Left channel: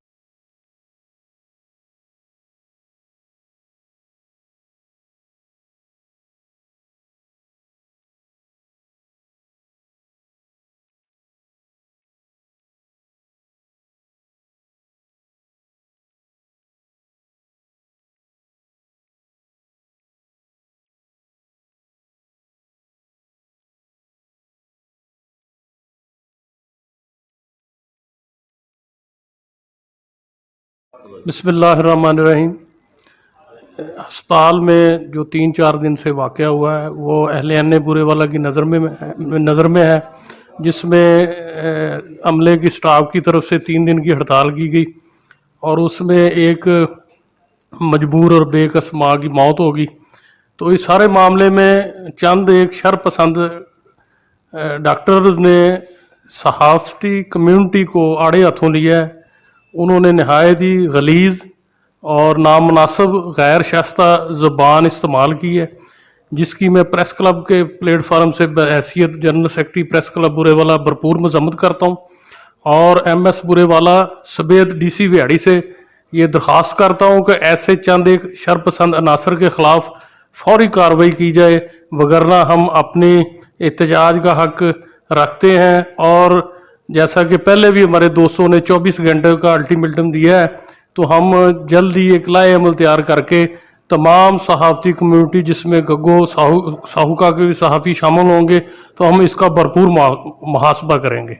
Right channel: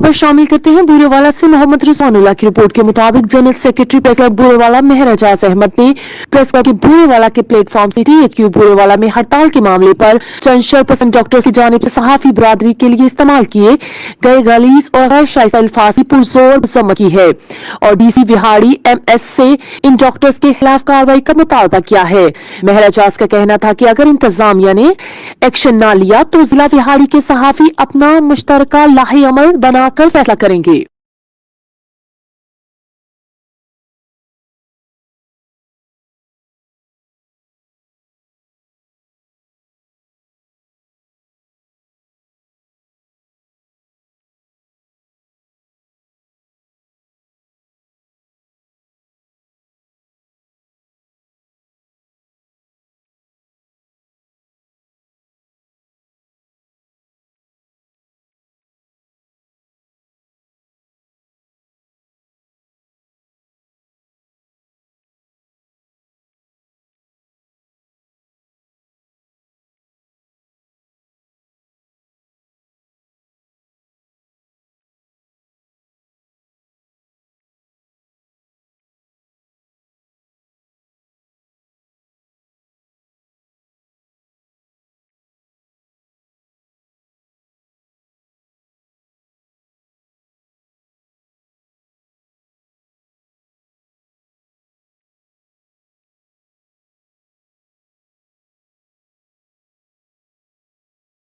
खबर शामिल करते हैं बूरेवाला से। मोहम्मद रिजवानुल्लाह की रिपोर्ट के मुताबिक general secretary press club Burewala Mehr Ejaz Ahmad ने प्रेस क्लब के बूरेवाला के प्लेटफॉर्म से THQ बूरेवाला में हड़ताल के मामले पर चंद शरपसंद डॉक्टर्स की जानिब से सहाफी बरादरी के लिए इस्तेमाल किए गए गलीज और गैर शाइस्ता अल्फाज की पुरजोर मजम्मत की है और DC विहाड़ी MS से इन डॉक्टर्स के खिलाफ कार्रवाई का मुतालबा किया है। मेहर एजाज का कहना था कि अगर इंतजामिया ने एक्शन ना लिया तो जिला विहाड़ी के सहाफी अपना मुश्तरका लाहे अमल बनाकर फैसला करेंगे। बिस्मिल्लाहिर्रहमानिर्रहीम। अस्पताल में जो 3-4 दिन से वाक़या हुआ है वो अहले बूरेवाला की नज़र में है, जिसमें अमले की स्टाफ की तरफ से 3 दिन की हड़ताल की गई और उसमें एक मजबूर और बेकस माँ की मौत होगी। तो इस सारे मामले में चंद एक शरपसंद डॉक्टर्स ने सहाफ़ती कम्युनिटी को आड़े हाथों लिया है। उन्होंने नहायत ही गलीज़ और नामुनासिब गैर शाइस्ता ज़ुबान इस्तेमाल की है, जिसकी मैं प्रेस क्लब के प्लेटफार्म से बहैसियत general secretary press club Burewala भरपूर मजम्मत करता हूँ और MS बुरेवाला समेत DC विहाड़ी से ये दरख्वास्त करता हूँ कि ऐसे चंद एक शरपसंद अनासर के ख़िलाफ़ फौरी कार्रवाई की जाए, वगरना हम अपनी एहतजाज का हक रखते हैं। और जैसा कि पहले भी हमारे दोस्तों ने 24 घंटे का अल्टीमेटम दिया है, तो हम जल्द ही एक लाए अमल तैयार करके तमाम सहाफ़ती कम्युनिटी, जिसमें गग्गो साहूका के भी सहाफ़ी शामिल होंगे, तो हम इसका भरपूर मुहासबा करेंगे।